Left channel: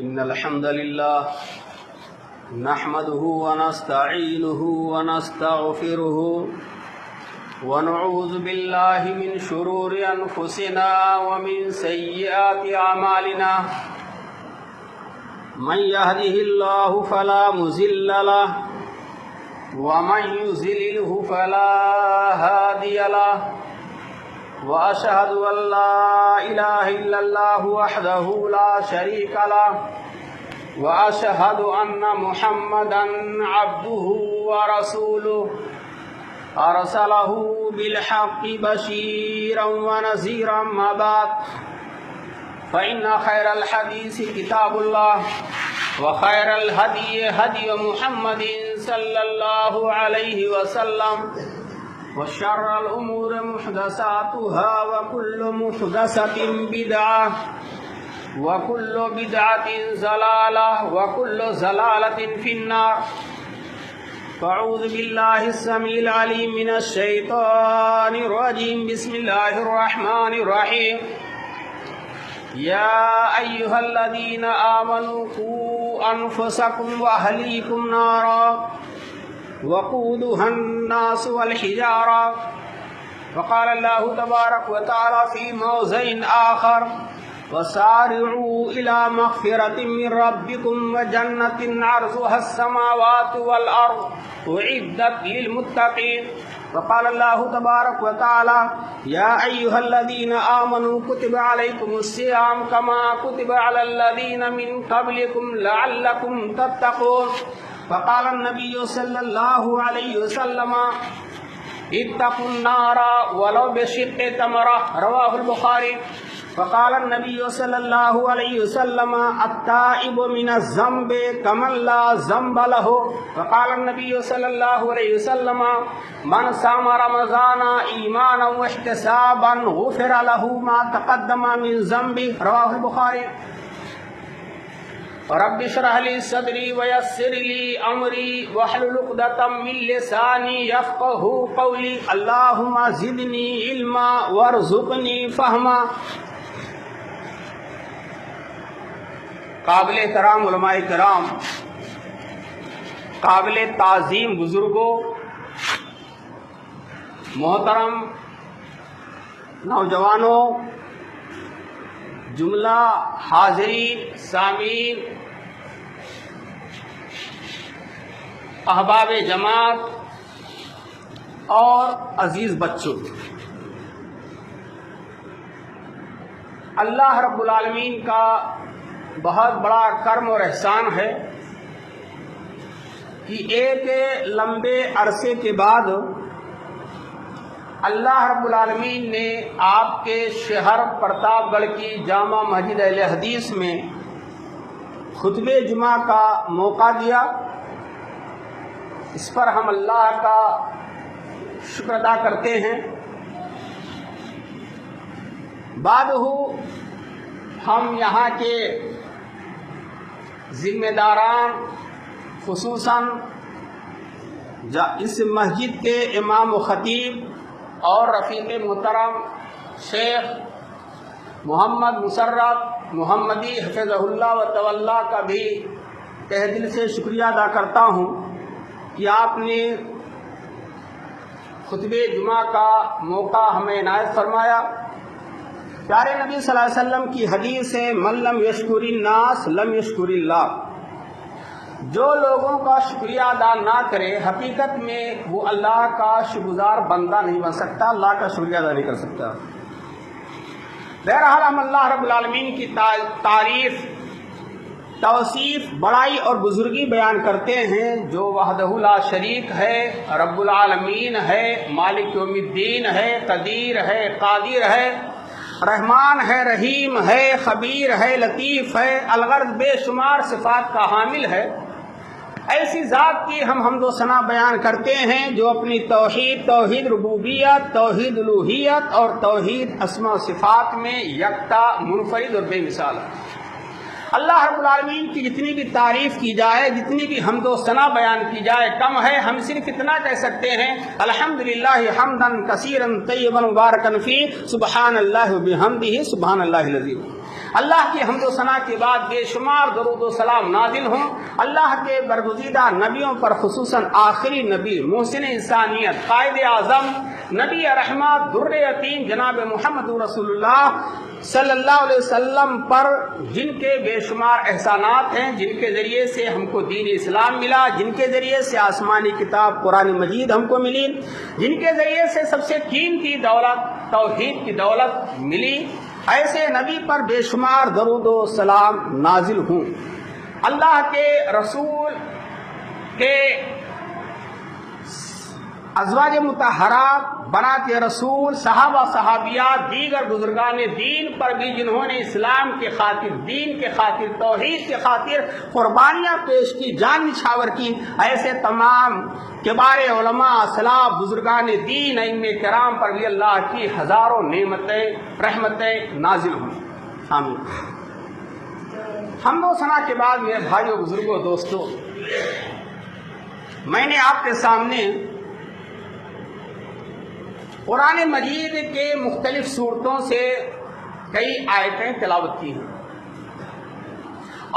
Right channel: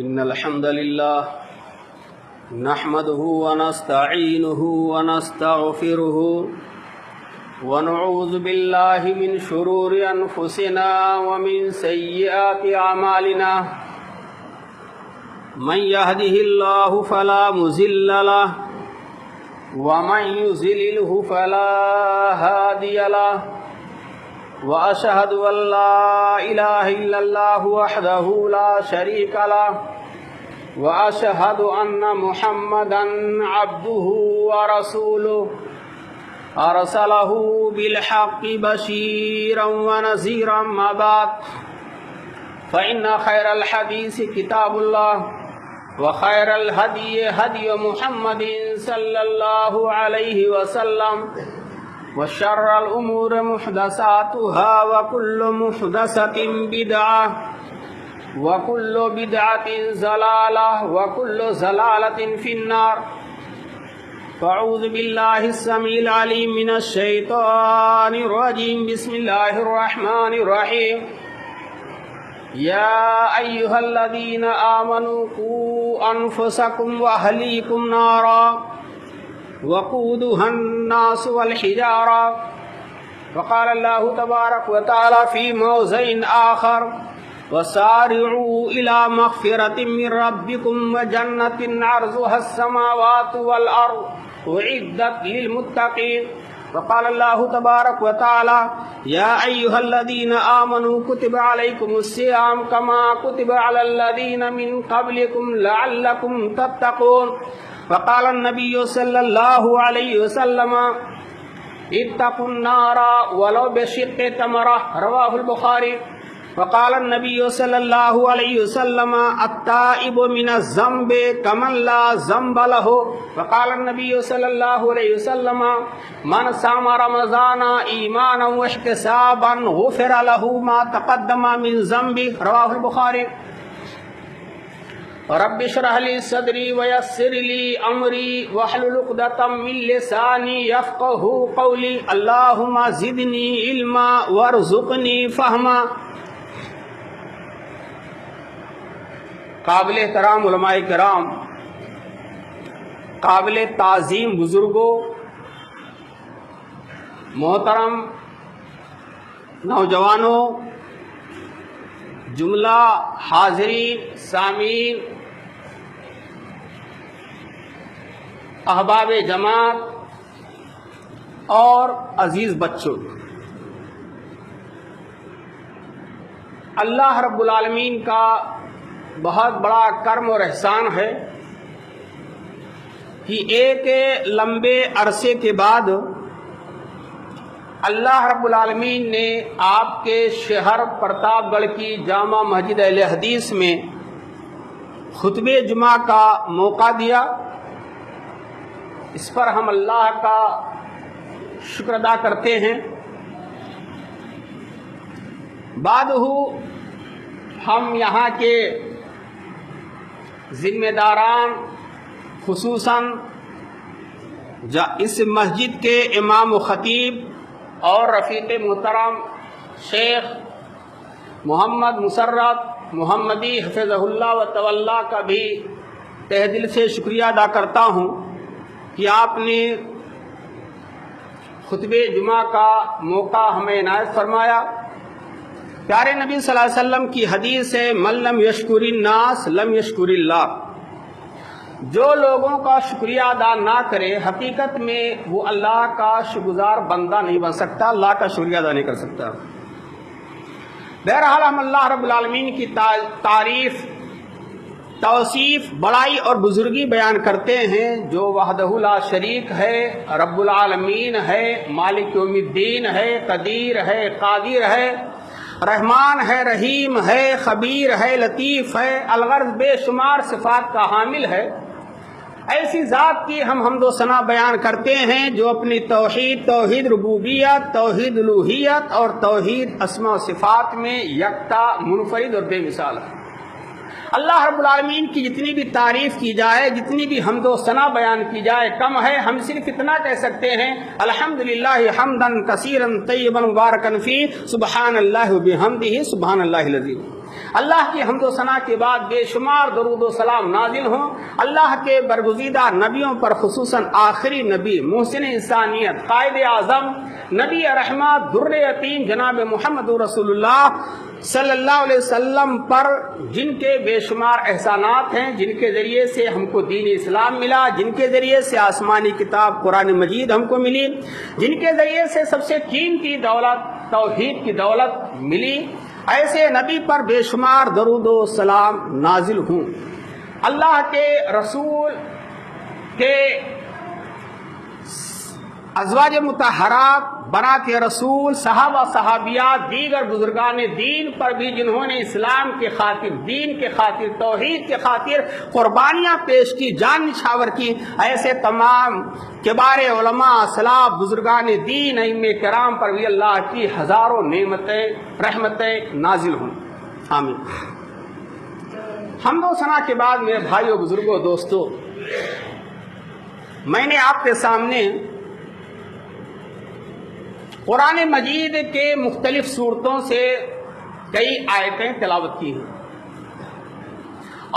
إن الحمد لله نحمده ونستعينه ونستغفره ونعوذ بالله من شرور أنفسنا ومن سيئات أعمالنا من يهده الله فلا مضل له ومن يضلله فلا هادي له وأشهد أن لا إله إلا الله وحده لا شريك له وأشهد أن محمدا عبده ورسوله أرسله بالحق بشيرا ونذيرا ما بعد فإن خير الحديث كتاب الله وخير الهدي هدي محمد صلى الله عليه وسلم وشر الأمور محدثاتها وكل محدثة بدعة وكل بدعة ضلالة وكل ضلالة في النار. أعوذ بالله السميع العليم من الشيطان الرجيم. بسم الله الرحمن الرحيم. يا أيها الذين آمنوا قوا أنفسكم وأهليكم نارا وقودها الناس والحجارة. وقال الله تبارك وتعالى في موضع آخر وسارعوا إلى مغفرة من ربكم وجنة عرضها السماوات والأرض أعدت للمتقين. وقال الله تبارك وتعالى يا أيها الذين آمنوا كتب عليكم الصيام كما كتب على الذين من قبلكم لعلكم تتقون. وقال النبي صلى الله عليه وسلم اتقوا النار ولو بشق تمرة. رواه البخاري. وقال النبي صلى الله عليه وسلم التائب من الذنب كمن لا ذنب له. وقال النبي صلى الله عليه وسلم من صام رمضان إيمانا واحتسابا غفر له ما تقدم من ذنبه. رواه البخاري. رب اشرح لي صدري ويسر لي أمري واحلل عقدة من لساني يفقهوا قولي. اللهم زدني علما وارزقني فهما. قابل کرام علماء کرام، قابل تعظیم بزرگوں، محترم نوجوانوں، جملہ حاضرین سامعین، احباب جماعت اور عزیز بچوں، اللہ رب العالمین کا بہت بڑا کرم اور احسان ہے کہ ایک لمبے عرصے کے بعد اللہ رب العالمین نے آپ کے شہر پرتاپ گڑھ کی جامع مسجد اہل حدیث میں خطبہ جمعہ کا موقع دیا. اس پر ہم اللہ کا شکر ادا کرتے ہیں. بعد ہم یہاں کے ذمہ داران، خصوصاً اس مسجد کے امام و خطیب اور رفیق محترم شیخ محمد مسرت محمدی حفظہ اللہ و تولا کا بھی تہ دل سے شکریہ ادا کرتا ہوں کہ آپ نے خطبہ جمعہ کا موقع ہمیں عنایت فرمایا. پیارے نبی صلی اللہ علیہ وسلم کی حدیث ہے من لم یشکر الناس لم یشکر اللہ. جو لوگوں کا شکریہ ادا نہ کرے حقیقت میں وہ اللہ کا شکرگزار بندہ نہیں بن سکتا، اللہ کا شکریہ ادا نہیں کر سکتا. بہرحال ہم اللہ رب العالمین کی تعریف، توصیف، بڑائی اور بزرگی بیان کرتے ہیں جو وحدہ لا شریک ہے، رب العالمین ہے، مالک یوم الدین ہے، قدیر ہے، قادر ہے، رحمان ہے، رحیم ہے، خبیر ہے، لطیف ہے، الغرض بے شمار صفات کا حامل ہے. ایسی ذات کی ہم حمد و ثنا بیان کرتے ہیں جو اپنی توحید ربوبیت، توحید الوہیت اور توحید اسماء و صفات میں یکتا، منفرد اور بے مثال ہے. اللہ رب العالمین کی جتنی بھی تعریف کی جائے، جتنی بھی حمد و ثنا بیان کی جائے کم ہے. ہم صرف اتنا کہہ سکتے ہیں الحمدللہ حمدا کثیرا طیبا مبارکا فیہ سبحان اللہ وبحمدہ سبحان اللہ العظیم. اللہ کی حمد و ثنا کے بعد بے شمار درود و سلام نازل ہوں اللہ کے برگزیدہ نبیوں پر، خصوصاً آخری نبی محسن انسانیت قائد اعظم نبی رحمت در یتیم جناب محمد رسول اللہ صلی اللہ علیہ وسلم پر، جن کے بے شمار احسانات ہیں، جن کے ذریعے سے ہم کو دین اسلام ملا، جن کے ذریعے سے آسمانی کتاب قرآن مجید ہم کو ملی، جن کے ذریعے سے سب سے قیمتی دولت توحید کی دولت ملی، ایسے نبی پر بے شمار درود و سلام نازل ہوں۔ اللہ کے رسول کے ازواج مطہرات، بنات رسول، صحابہ صحابیات، دیگر بزرگان دین پر بھی جنہوں نے اسلام کے خاطر، دین کے خاطر، توحید کے خاطر قربانیاں پیش کی، جان نچھاور کی، ایسے تمام کبار علماء، اسلاف، بزرگان دین، ائمہ کرام پر بھی اللہ کی ہزاروں نعمتیں، رحمتیں نازل ہوں، آمین۔ حمد و ثنا کے بعد میرے بھائیوں، بزرگوں، دوستوں، میں نے آپ کے سامنے قرآن مجید کے مختلف صورتوں سے کئی آیتیں تلاوت کی ہیں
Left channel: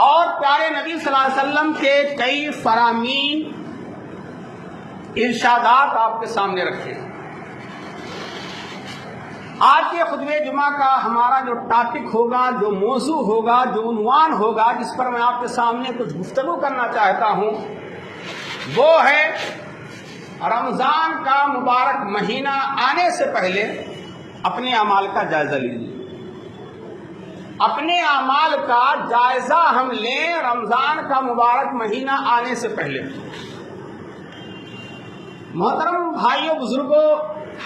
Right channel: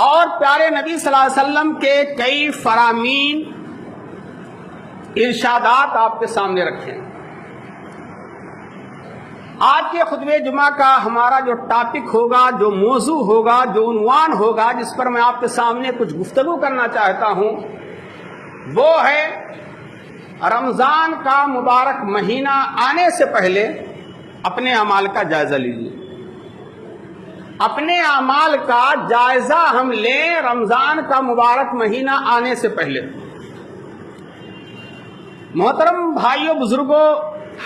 اور پیارے نبی صلی اللہ علیہ وسلم کے کئی فرامین، ارشادات آپ کے سامنے رکھے ہیں۔ آج کے خطبہ جمعہ کا ہمارا جو ٹاپک ہوگا، جو موضوع ہوگا، جو عنوان ہوگا، جس پر میں آپ کے سامنے کچھ گفتگو کرنا چاہتا ہوں، وہ ہے رمضان کا مبارک مہینہ آنے سے پہلے اپنے اعمال کا جائزہ لیجیے۔ اپنے اعمال کا جائزہ ہم لیں رمضان کا مبارک مہینہ آنے سے پہلے۔ محترم بھائیوں، بزرگوں،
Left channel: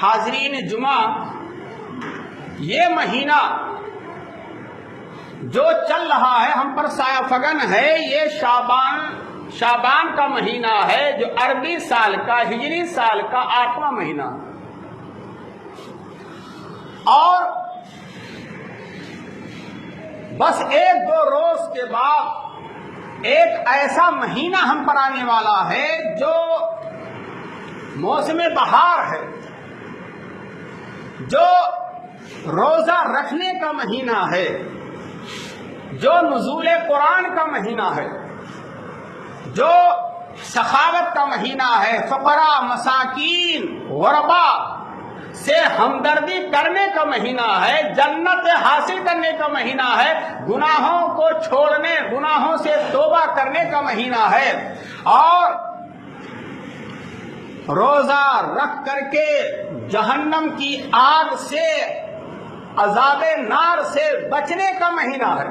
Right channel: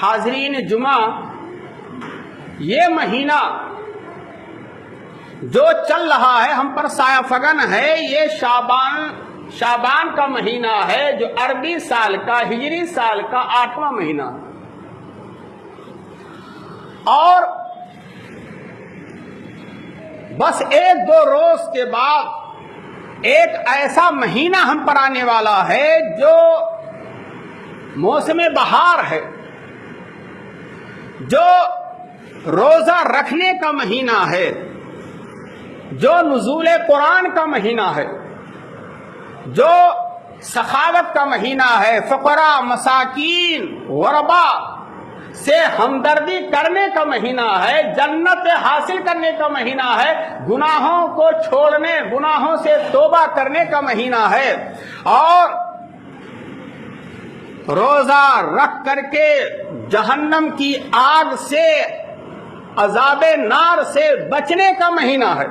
حاضرین جمعہ، یہ مہینہ جو چل رہا ہے ہم پر سایہ فگن ہے، یہ شعبان کا مہینہ ہے، جو عربی سال کا، ہجری سال کا 8واں مہینہ، اور بس ایک دو روز کے بعد ایک ایسا مہینہ ہم پر آنے والا ہے جو موسم بہار ہے، جو روزہ رکھنے کا مہینہ ہے، جو نزول قرآن کا مہینہ ہے، جو سخاوت کا مہینہ ہے، فقراء، مساکین، غرباء سے ہمدردی کرنے کا مہینہ ہے، جنت حاصل کرنے کا مہینہ ہے، گناہوں کو چھوڑنے، گناہوں سے توبہ کرنے کا مہینہ ہے، اور روزہ رکھ کر کے جہنم کی آگ سے، عذاب نار سے بچنے کا مہینہ ہے۔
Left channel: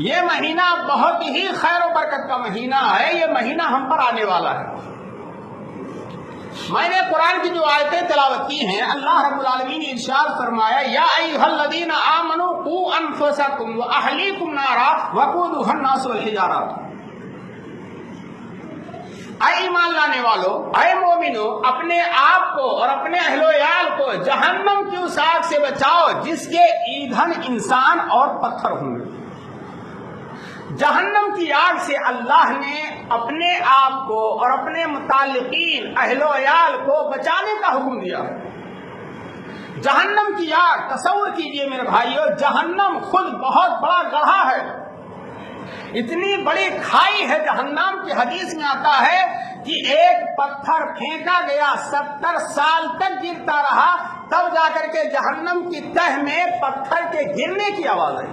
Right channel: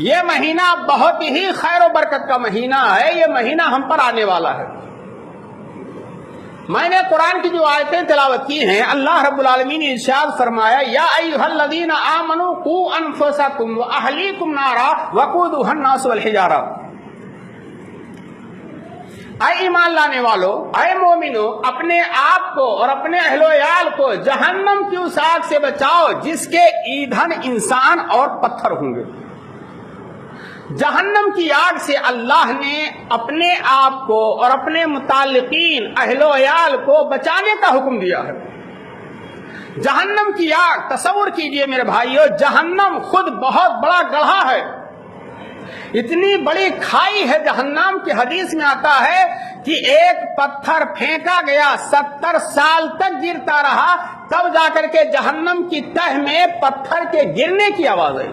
یہ مہینہ بہت ہی خیر و برکت کا مہینہ ہے، یہ مہینہ ہم پر آنے والا ہے۔ میں نے قرآن کی جو آیتیں تلاوت کی ہیں، اللہ رب العالمین نے ارشاد فرمایا، یا ایھا الذین آمنوا قوا انفسکم واہلیکم نارا وقودھا الناس والحجارہ، اے ایمان لانے والوں، اے مومنو، اپنے آپ کو اور اپنے اہل و عیال کو جہنم کی اس آگ سے بچاؤ جس کے ایندھن انسان اور پتھر ہوں گے۔ جہنم کی آگ سے اللہ نے اپنے آپ کو اور اپنے متعلقین، اہل و عیال کو بچانے کا حکم دیا ہے۔ جہنم کی آگ، تصور کیجئے میرے بھائیو، جہنم خود بہت بڑا گڑھا ہے، اتنی بڑی کھائی ہے جہنم کی، حدیث میں آتا ہے کہ ایک پتھر پھینکا گیا 70 سال تک گرتا رہا، تب جا کر کے جہنم کی تہ میں پتھر کے گرنے کی آواز آئی۔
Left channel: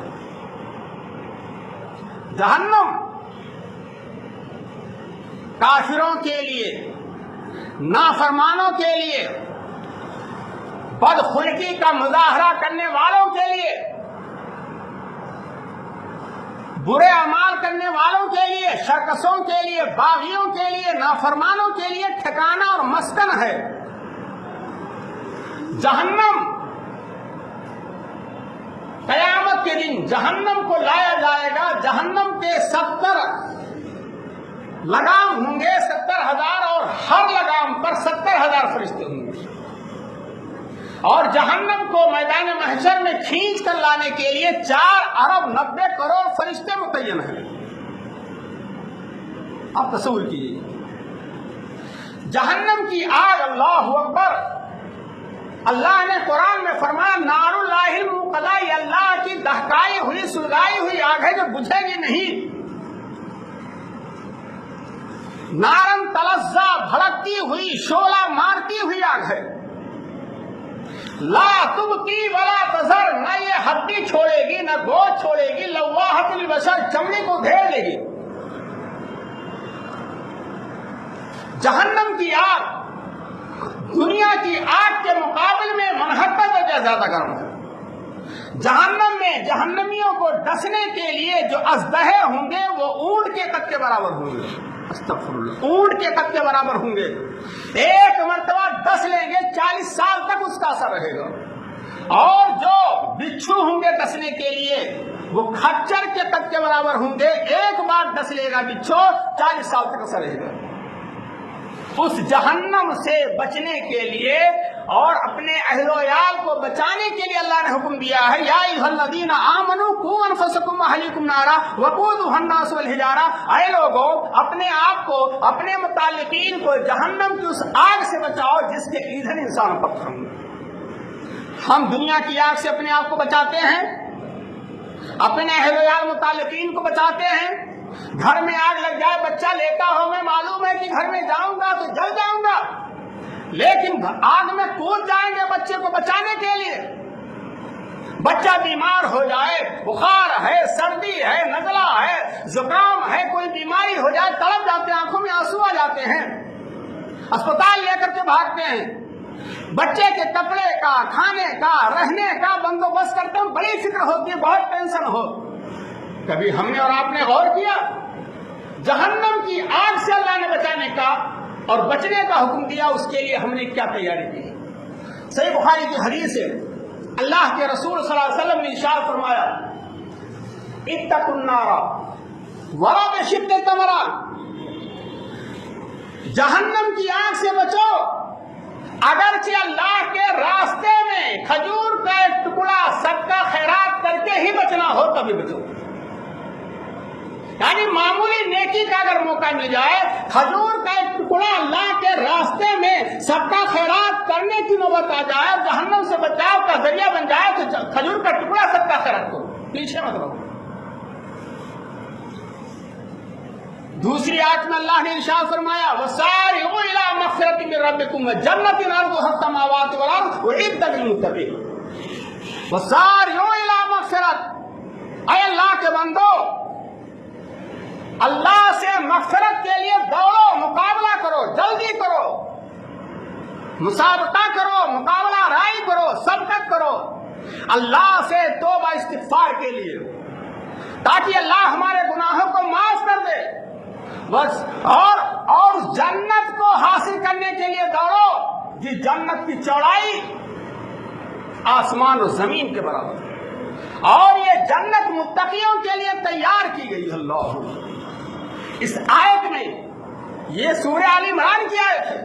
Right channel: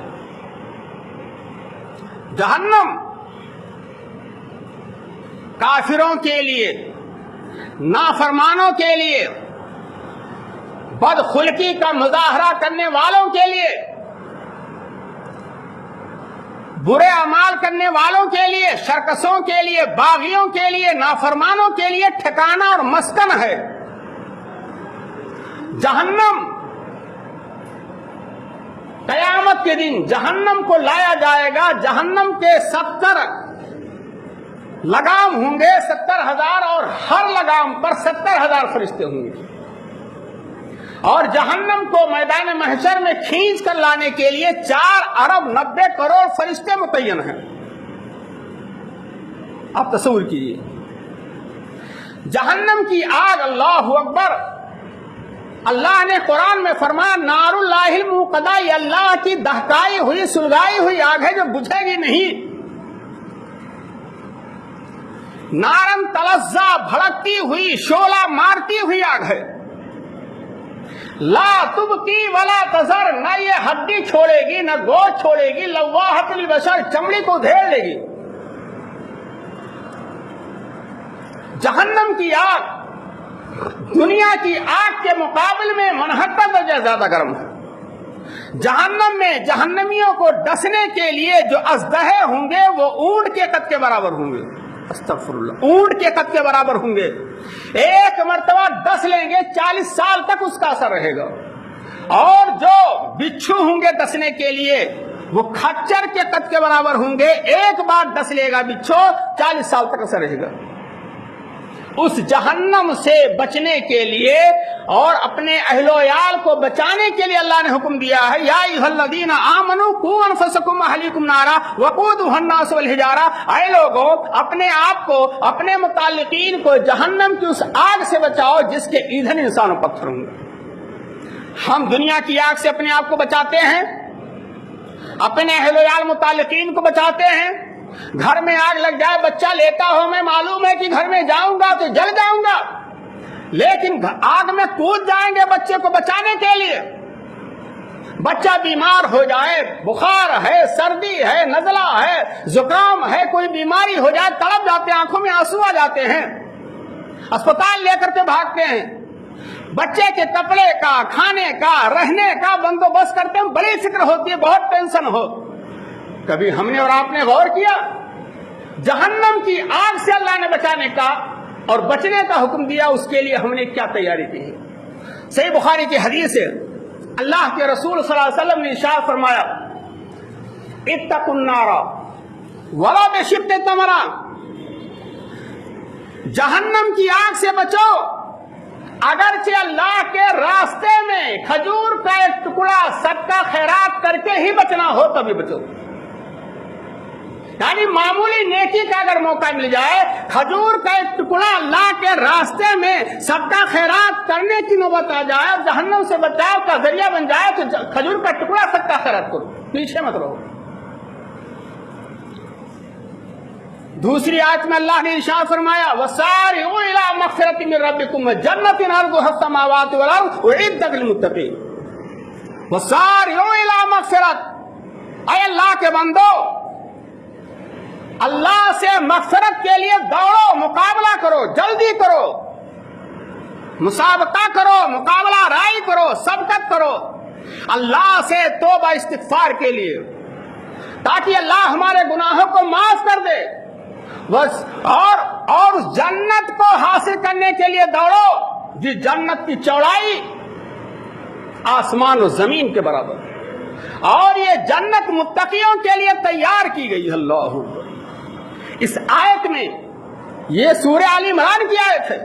جہنم کافروں کے لیے، نافرمانوں کے لیے، بدخلقی کا مظاہرہ کرنے والوں کے لیے، برے اعمال کرنے والوں کے لیے، شرکسوں کے لیے، باغیوں کے لیے، نافرمانوں کے لیے ٹھکانہ اور مسکن ہے۔ جہنم قیامت کے دن جہنم کو لایا جائے گا، جہنم کے 70 لگام ہوں گے، 70,000، اور ہر لگام پر 70,000 فرشتے ہوں گے، اور جہنم کو میدان محشر میں کھینچ کر لانے کے لیے 4 ارب 90 کروڑ فرشتے متعین ہیں۔ اب تصور کیجیے، جہنم کی آگ، اللہ اکبر، اللہ نے قرآن میں فرمایا نار اللہ الموقدہ، یہ اللہ کی دہکائی ہوئی سلگائی ہوئی آگ ہے جو بجھے گی نہیں. نارن تلظا، بھڑکتی ہوئی شعلہ مارتی ہوئی آگ ہے. لا تبقی ولا تذر، نہ یہ ہڈی چھوڑے گی نہ گوشت چھوڑے گی. لواحۃ للبشر، چمڑی کو دھیر لے گی. جہنم کی آگ دنیا کی آگ کے مقابل میں منہتر درجہ زیادہ گرم ہے. جہنم میں جہنمیوں کو ڈسنے کے لیے جو اژدہے ہوں گے وہ اونٹ کے قد کے برابر ہوں گے. استغفر اللہ، اونٹ کے قد کے برابر ہوں گے. ایک مرتبہ ڈس لیں گے 40 سال تک اس کا اثر رہے گا. اور جو بچھو ہوں گے ڈسنے کے لیے وہ کھچر کے قد کے برابر ہوں گے. ایک بار ڈس لے گا بچھو 40 سال تک اثر رہے گا. اس جہنم سے بچنے کے لیے اور اپنے اہل و عیال کو بچانے کے لیے اللہ نے حکم دیا ہے یا ایھا الذین آمنوا قوا انفسکم واہلیکم نارا وقودھا الناس والحجارہ. اے لوگوں، اپنے آپ کو، اپنے متعلقین کو جہنم کی اس آگ سے بچاؤ جس کے ایندھن انسان و پتھر ہوں. ہم دنیا کی آگ سے اپنے آپ کو بچاتے ہیں، اپنے اہل و عیال متعلقین کو بچاتے ہیں. گھر میں آگ لگ جائے، بچہ لیتا ہو، میں معلوم ہے کہ گھر میں جاؤں گا تو جل جاؤں گا، لیکن آگ میں کود جائیں گے بچے کو بچانے کے لیے. بچہ بیمار ہو جائے، بخار ہے، سردی ہے، نزلہ ہے، زکام ہے، کوئی بیماری ہو جائے، تڑپ جاتے ہیں، آنکھوں میں آنسو آ جاتے ہیں، اسپتال لے کر کے بھاگتے ہیں. بچے کے کپڑے کا، کھانے کا، رہنے کا بندوبست کرتے ہیں، بڑی فکر ہوتی ہے، بہت ٹینشن ہو. کبھی ہم نے اور آپ نے غور کیا جہنم کی آگ سے اللہ نے بچانے کا اور بچنے کا حکم دیا، اس کے لیے ہم نے کیا تیاری کی؟ صحیح بخاری کی حدیث ہے، اللہ کے رسول صلی اللہ علیہ وسلم نے ارشاد فرمایا اتقوا النار ولو بشق تمرہ، جہنم کی آگ سے بچو اگرچہ اللہ کے راستے میں کھجور کا ایک ٹکڑا صدقہ خیرات کر کے ہی بچنا ہو تبھی بچو. یعنی معمولی نیکی کا اگر موقع مل جائے، کھجور کا ایک ٹکڑا اللہ کے راستے میں صدقہ خیرات کرنے کی نوبت آ جائے، جہنم سے بچاؤ کا ذریعہ بن جائے تو کھجور کا ٹکڑا صدقہ خیرات کرو، پیچھے مت رہو. دوسری آیت میں اللہ نے ارشاد فرمایا وَسَارِعُوا إِلَىٰ مَغْفِرَةٍ مِّن رَّبِّكُمْ وَجَنَّةٍ عَرْضُهَا السَّمَاوَاتُ وَالْأَرْضُ أُعِدَّتْ لِلْمُتَّقِينَ. وَسَارِعُوا إِلَىٰ مَغْفِرَةٍ، اے اللہ کے بندو، اللہ سے مغفرت کے لیے دوڑو، مقابلہ کرو، جلدی کرو، مسابقہ کرو، مقابلہ رائی کرو، سبقت کرو اللہ سے توبہ استغفار کے لیے، تاکہ اللہ ہمارے گناہوں کو معاف کر دے بس. اور جنت کو حاصل کرنے کے لیے دوڑو جس جنت کی چوڑائی آسمان و زمین کے برابر، اور یہ جنت متقیوں کے لیے تیار کی گئی. اللہ، اس آیت میں، یہ سورہ آل عمران کی آیت ہے،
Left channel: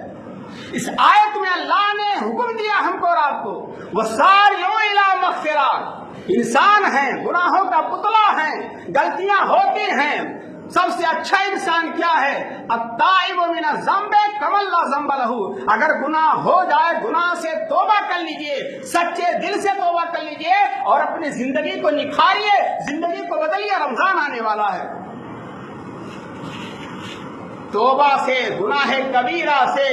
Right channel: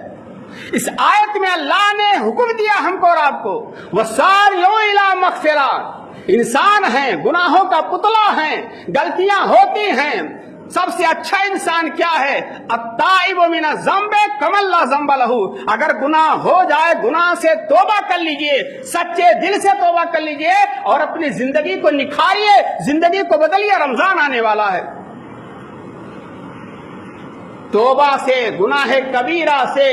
اس آیت میں اللہ نے حکم دیا ہم کو اور آپ کو وَسَارِعُوا إِلَىٰ مَغْفِرَةٍ. انسان ہیں، گناہوں کا پتلا ہیں، غلطیاں ہوتی ہیں. سب سے اچھا انسان کیا ہے؟ التائب من الذنب کمن لا ذنب لہ. اگر گناہ ہو جائے، گناہ سے توبہ کر لیجئے، سچے دل سے توبہ کر لیجئے اور اپنی زندگی کو نکھاریے، زندگی کو بدلیے. رمضان آنے والا ہے. توبہ سے، گناہ کبیرہ سے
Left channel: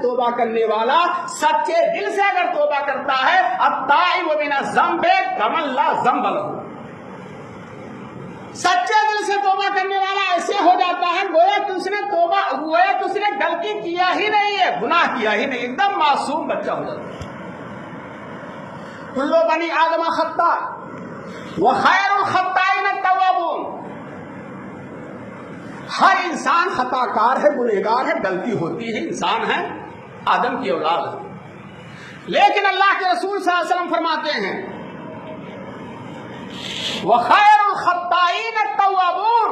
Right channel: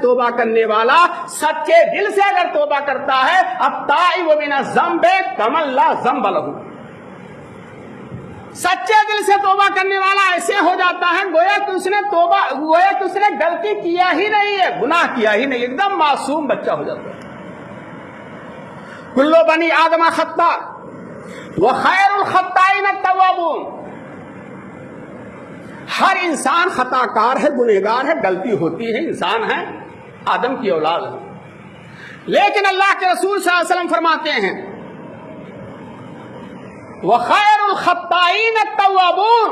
توبہ کرنے والا سچے دل سے اگر توبہ کرتا ہے التائب من الذنب کمن لا ذنب لہ. سچے دل سے توبہ کرنے والا ایسے ہو جاتا ہے گویا کہ اس نے غلطی کیا ہی نہیں ہے، گناہ کیا ہی نہیں، ایک دم معصوم بچہ ہو جاتا ہے. کل بنی آدم خطاء وخیر الخطائین التوابون. ہر انسان خطا کار ہے، گنہگار ہے، غلطی ہوتی ہے، انسان ہے، آدم کی اولاد ہے. لیکن اللہ کے رسول صلی اللہ علیہ وسلم فرماتے ہیں وَخَيْرُ الْخَطَّائِينَ التَّوَّابُونَ،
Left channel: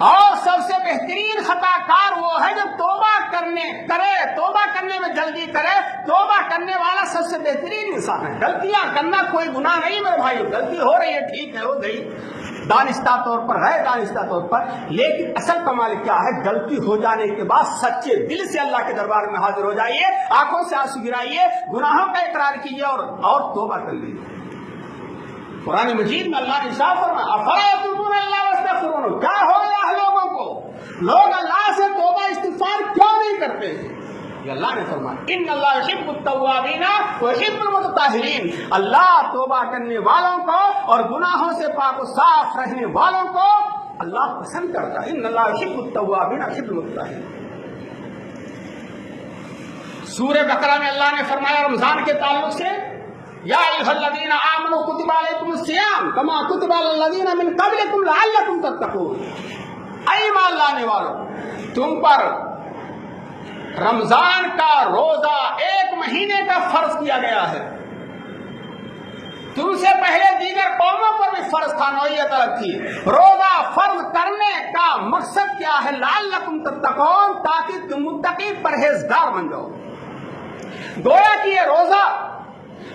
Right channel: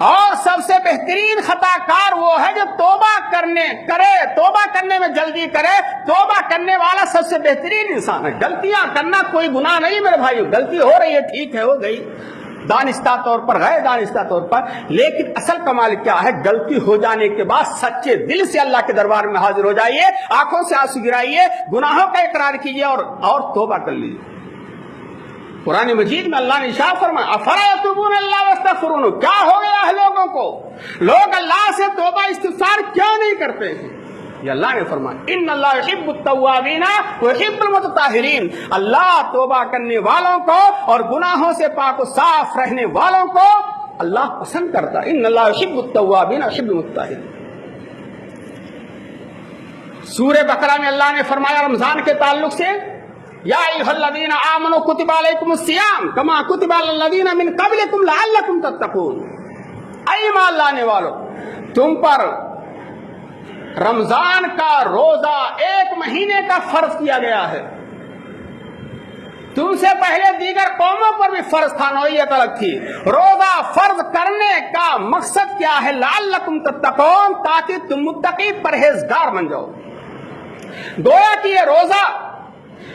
اور سب سے بہترین خطا کار وہ ہے جو توبہ کرنے میں جلدی کرے. توبہ کرنے والا سب سے بہترین انسان ہے. غلطیاں کرنا کوئی گناہ نہیں میرے بھائی، غلطی ہو رہی ہے ٹھیک ہے، ہو گئی، دانستہ طور پر ہے، دانستہ طور پر، لیکن اصل کمال کیا ہے؟ غلطی ہو جانے کے بعد سچے دل سے اللہ کے دربار میں حاضر ہو جائیے، آنکھوں سے آنسو گرائیے، گناہوں کا اقرار کیجیے اور توبہ کر لیجیے. قرآن مجید میں اللہ نے ارشاد فرمایا افلا یتوبون اللہ واستغفرون، کیا ہو گیا ہے لوگوں کو؟ لوگ اللہ سے توبہ استغفار کیوں نہیں کرتے ہیں؟ یہ اللہ نے فرمایا ان اللہ یحب التوابین ویحب المتطہرین، اللہ توبہ کرنے والوں کو اور گناہوں سے پاک و صاف رہنے والوں کو اللہ پسند کرتا ہے. ان اللہ یحب التوابین ویحب المتطہرین. سورہ بقرہ میں اللہ نے فرمایا رمضان کے تعلق سے یا ایھا الذین آمنوا کتب علیکم الصیام کما کتب علی الذین من قبلکم لعلکم تتقون. اے ایمان لانے والو، تم پر رمضان کا روزہ 1 مہینے کا فرض کیا گیا ہے. تم سے پہلے دیگر قوموں پر بھی فرض تھا، نوعیت الگ تھی. روزہ فرض کرنے کا مقصد کیا ہے؟ لعلکم تتقون، تاکہ تم متقی پرہیزگار بن جاؤ. گویا کہ یہ روزہ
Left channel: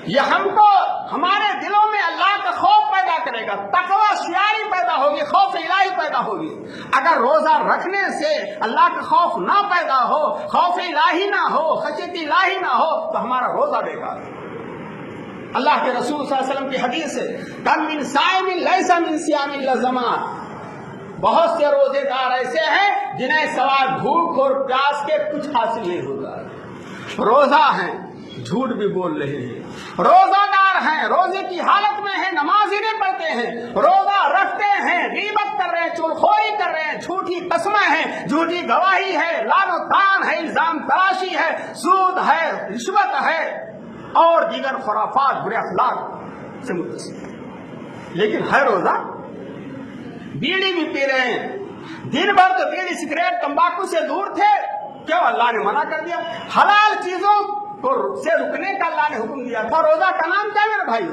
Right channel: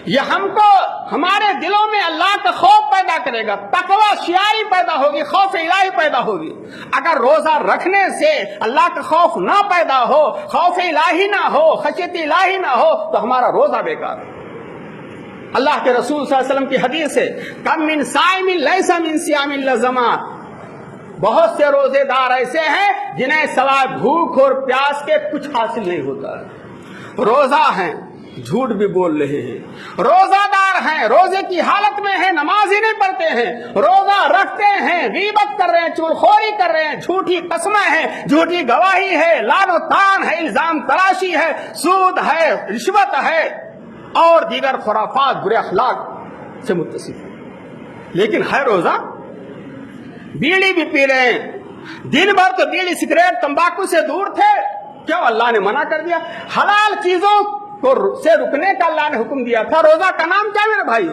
یہ ہم کو ہمارے دلوں میں اللہ کا خوف پیدا کرے گا، تقوی شیاری پیدا ہوگی، خوف الہی پیدا ہوگی. اگر روزہ رکھنے سے اللہ کا خوف نہ پیدا ہو، خوف الہی نہ ہو، خشیت الہی نہ ہو، تو ہمارا روزہ بیکار ہے. اللہ کے رسول صلی اللہ علیہ وسلم کی حدیث ہے کم من صائم لیس من صیام الا ظمأ، بہت سے روزے دار ایسے ہیں جنہیں سوائے بھوک اور پیاس کے کچھ حاصل نہیں ہوتا. روزہ ہیں، جھوٹ بھی بول رہے ہیں، روزہ دار ہیں، روزے کی حالت میں ہیں، نماز ہی نہیں پڑھتے ہیں، روزہ رکھتے ہیں، غیبت کر رہے ہیں، چغلخوری کر رہے ہیں، جھوٹی قسمیں ہیں، جھوٹی گواہی ہے، لعن و طعن ہے، الزام تراشی ہے، سود ہے، رشوت ہے اور دیگر خرافات برے اخلاق سے متصل. لیکن ہے روزہ، بیڑی بھی پی رہے ہیں، دن بھر تو بیڑی سگریٹ تمباکو سے دور تھے، کیوں اللہ نے منع کر دیا؟ حلال چیزوں کو سے رکنے کا اللہ نے حکم دیا تھا. روزہ کا نام کیا میرے بھائی؟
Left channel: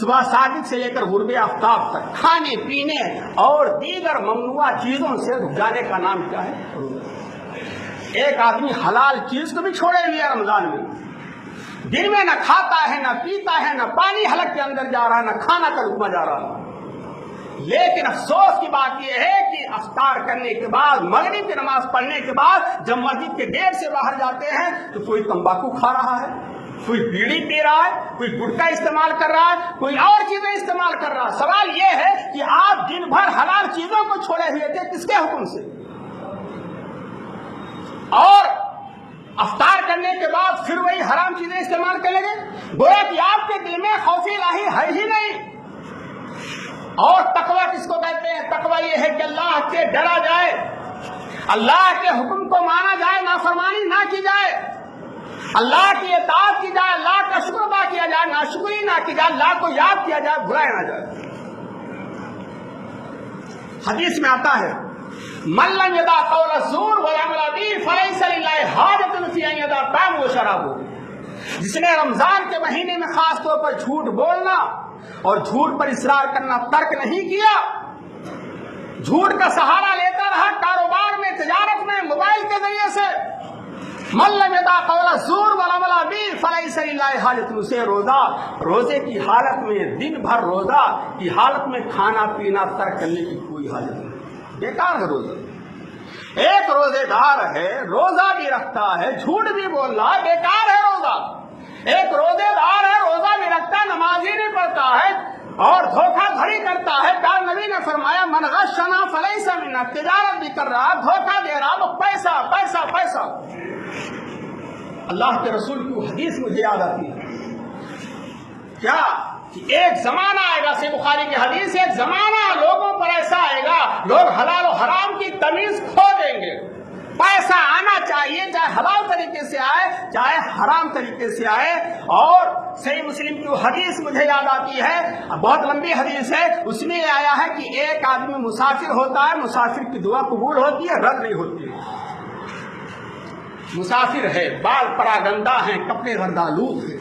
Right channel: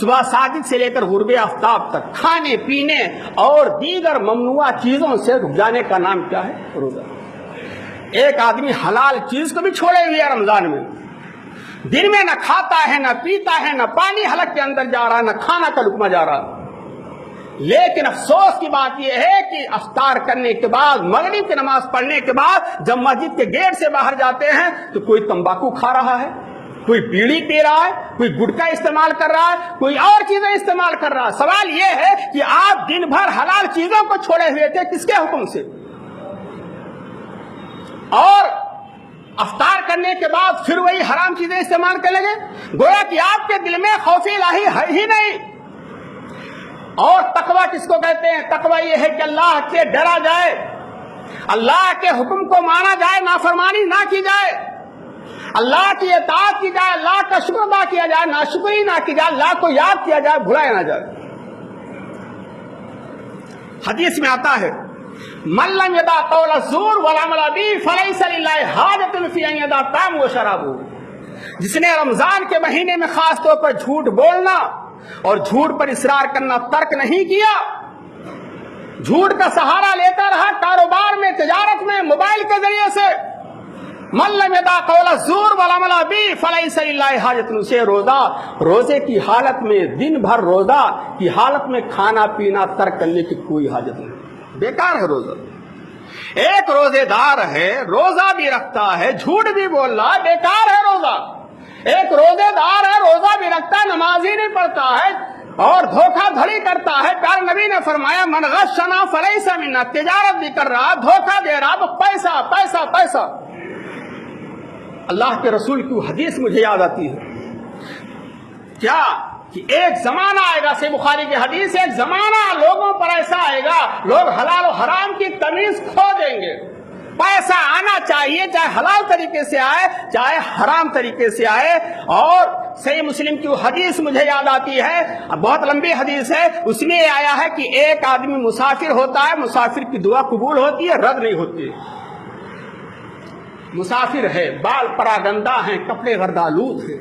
صبح صادق سے لے کر غروب آفتاب تک کھانے پینے اور دیگر ممنوعہ چیزوں سے رک جانے کا نام کیا ہے؟ روزہ. ایک آدمی حلال چیز کو بھی چھوڑے ہوئے رمضان میں، دن میں نہ کھاتا ہے، نہ پیتا ہے، نہ پانی حلق کے اندر جا رہا ہے، نہ کھانا کا لقمہ جا رہا. لیکن افسوس کی بات یہ ہے کہ افطار کرنے کے بعد، مغرب کی نماز پڑھنے کے بعد جب مسجد کے گیٹ سے باہر جاتے ہیں تو کوئی تمباکو کھا رہا ہے، کوئی بیڑی پی رہا ہے، کوئی گٹکا استعمال کر رہا ہے، کوئی اور چیزیں استعمال کر رہا ہے. سوال یہ ہے کہ آپ دن بھر حلال چیزوں کو چھوڑے ہوئے تھے، کس کے حکم سے؟ اور افطار کرنے کے بعد پھر وہی حرام چیزیں استعمال کریں گے. گویا کہ آپ کے دل میں خوف الہی ہے ہی نہیں. اور تقوی کس کو کہتے ہیں؟ تقوی یہ ہے کہ اللہ سے ڈرا جائے، اللہ کے حکم کو مانا جائے، نافرمانی نہ کی جائے، اللہ کی اطاعت کی جائے، اللہ کا شکر ادا کیا جائے، ناشکری نہ کی جائے، اللہ کو یاد کیا جائے، بھلایا نہ جائے. حدیث میں آتا ہے من لم يدع قول الزور والعمل به فليس لله حاجة في أن يدع طعامه وشرابه. جس نے رمضان کے مہینے میں خاص طور پر جھوٹ بولنا اور جھوٹ پر اصرار کرنا ترک نہیں کیا، جھوٹ کا سہارا لیتا رہا کاروبار میں، تجارت میں، موبائل کے ذریعے سے، من لم يدع قول الزور والعمل به فليس لله حاجة، سے روزے کی حالت میں، دن بھر روزہ کی حالت میں کھانا پینا ترک کرنے کی کوئی حاجت نہیں. بیکار ہے روزہ. ایک روزے دار ہے، روزہ بھی رکھتا ہے، جھوٹ بھی بول رہا ہے، بیکار ہے روزہ. ایک روزے دار ہے، روزہ بھی رکھتا ہے، نماز ہی نہیں پڑھتا ہے اور دھوکہ دھڑی کرتا ہے. کل نبی نے فرمایا من غشنا فلیس منا، تجارت بھی کر رہا، دھوکہ دے رہا، تو پیسہ پیسہ پیسہ. اللہ کے رسول کی حدیث مجھے یاد آتی ہے کیا کہ ایک زمانہ آئے گا، صحیح بخاری کی حدیث ہے، ایک زمانہ لوگوں پر ایسا آئے گا لوگ حلال و حرام کی تمیز کھو دیں گے. پیسہ آنا چاہیے، چاہے حلال طریقے سے آئے چاہے حرام طریقے سے آئے. اور صحیح مسلم کی وہ حدیث مجھے یاد آتی ہے، بہت لمبی حدیث ہے، اس میں آیا ہے کہ ایک آدمی مسافر ہوتا ہے، مسافر کی دعا قبول ہوتی ہے، رد نہیں ہوتی. مسافر ہے، بال پڑا گندا ہے، کپڑے غردالود ہیں،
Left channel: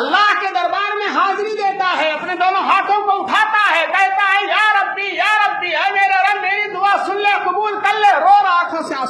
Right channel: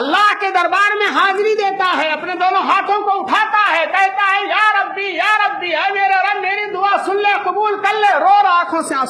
اللہ کے دربار میں حاضری دیتا ہے، اپنے دونوں ہاتھوں کو اٹھاتا ہے، کہتا ہے یا ربی اے میرے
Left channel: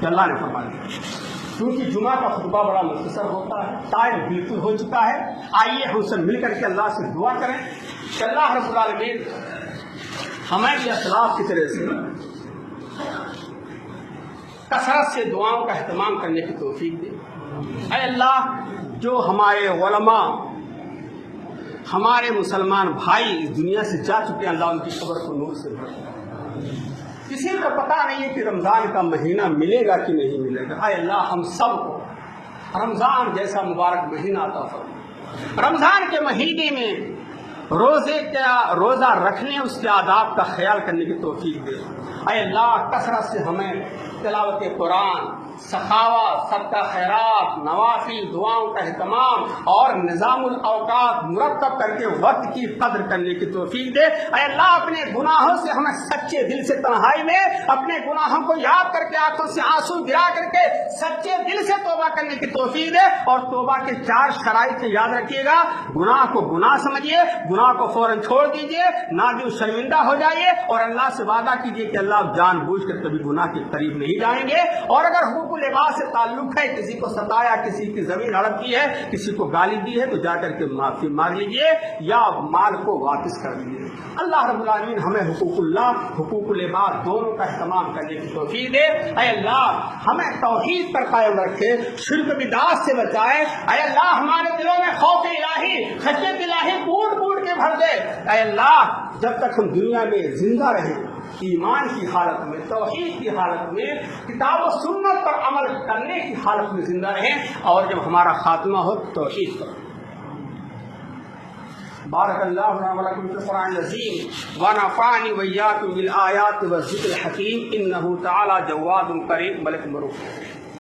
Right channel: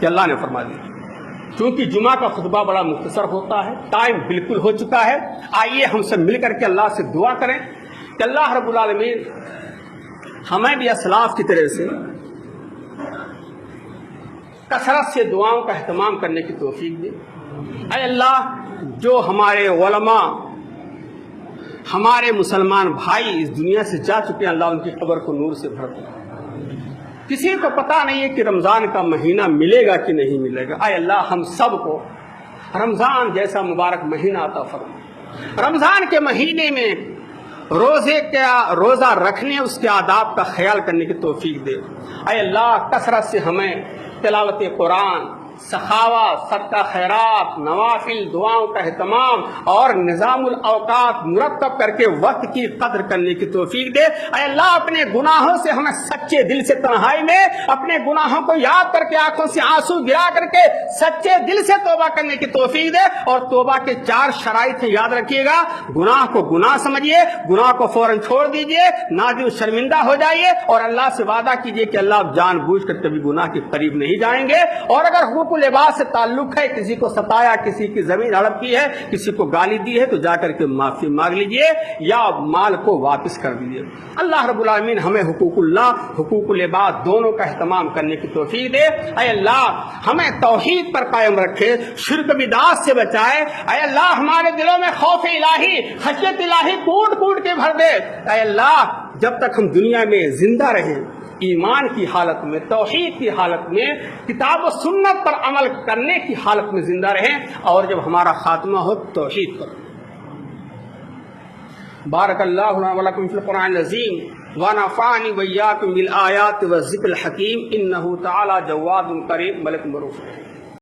کہ اللہ نے فرما دیا. کیونکہ جمعہ کا خطبہ بڑا مختصر ہوتا ہے، ٹائم بالکل ہو چکا ہے. آئیے ہم سب مل کر کے اللہ سے دعا کریں کہ اللہ رب العالمین ہمیں بھی اسلاف کی طرح سے کثرت سے دعاؤں کا اہتمام کرنے کی توفیق دے. اے اللہ، جو ہمارے علماء، ہمارے مسلمان بھائی اس دنیا سے جا چکے ہیں، اللہ ان کی قبر کو نور سے بھر دے. کسی کو پتہ نہیں ہے کہ رمضان کا مہینہ ملے گا کہ نہیں ملے گا. اے اللہ، ہم سب کو رمضان جیسا مبارک مہینہ عطا فرما. رمضان کے مہینے میں روزہ رکھنے، اس کے آداب کا خیال کرنے کی توفیق دے. اے اللہ، کثرت سے ہمیں تلاوت قرآن، سخاوت، صدقہ خیرات، نوافل، دعاؤں کا اہتمام اور نظام الاوقات مرتب کر کے وقت کی قدر کرنے کی توفیق دے. اے اللہ، اپنے گناہوں سے ہمیں سچے دل سے تنہائی میں اپنے گناہوں کو یاد کر کے آنکھوں سے آنسو گرا کر کے سچے دل سے توبہ کرنے کی توفیق دے. اور توبہ کے 4 شرائط یاد رکھیے گا. گناہ کو گناہ سمجھیے، گناہ کو فوراً چھوڑ دیجیے، نادم شرمندہ ہو جائیے اور اللہ سے وعدہ کیجیے کہ اللہ آپ جان بوجھ کر کبھی گناہ کے قریب نہیں جائیں گے. اور اگر حقوق لباس سے تعلق ہے، کسی کو ستایا، کسی کی زمین ہڑپ کی ہے، کسی کو گالی دی ہے، تو جا کر کے معافی مانگ لیجیے یا مال کو واپس کر دیجیے. اللہ رب العالمین ہمیں حقوق اللہ، حقوق لباس دونوں کا اہتمام کرنے کی توفیق دے. اے اللہ، ہمیں توحید پر قائم رکھے، شرک بدعات سے بچائے. اے اللہ، ہمارے دلوں میں خوف الہی، خشیت الہی کوٹ کوٹ کے بھر دے. اے اللہ، جب تک ہم دنیا میں زندہ رہیں، ایمان کی حالت میں، توحید کی حالت میں، کتاب و سنت پر عمل کرنے کی حالت میں زندہ رہیں، اور جب ہمارا خاتمہ ہو توحید پر. بارک اللہ لنا ولکم فی القرآن العظیم ونفعنی وإیاکم بالآیات والذکر الحکیم انہ تعالی جواد کریم ملک مروف.